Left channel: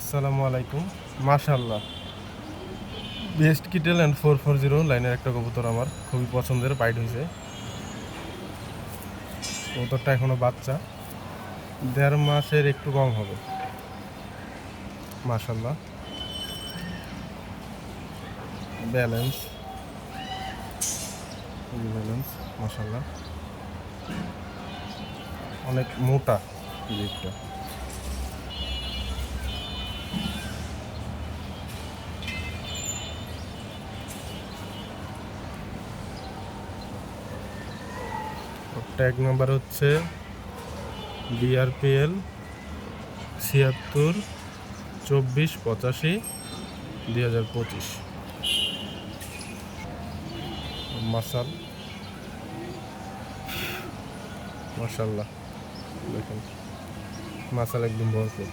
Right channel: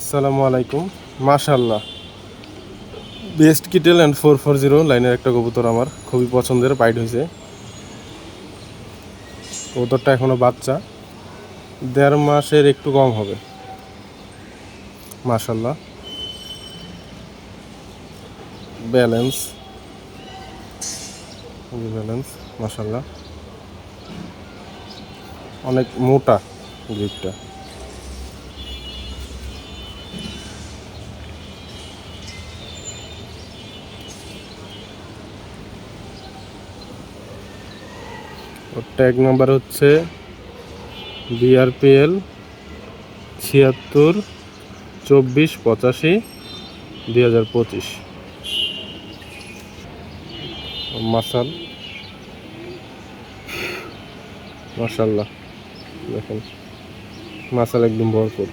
আসসালামু আলাইকুম। মাশাআল্লাহ, বেস্ট কিটেল অ্যান্ড 440 লাইনের একটা কবুতর আমার খুবই পছন্দের, বাইট হয়েছে। কবুতরটা এখনো বাচ্চা, 1.5 মাসের একটু কম হবে। মাশাআল্লাহ, ব্যালেন্স, ব্যালেন্স, মাশাআল্লাহ, অনেক মোটা দিকটা। ওর ট্যাগ নাম্বার হচ্ছে BRPL 76 24 85 2025। মাসাল, মাশাআল্লাহ, দেখুন মাসাল একদম ভরপুর।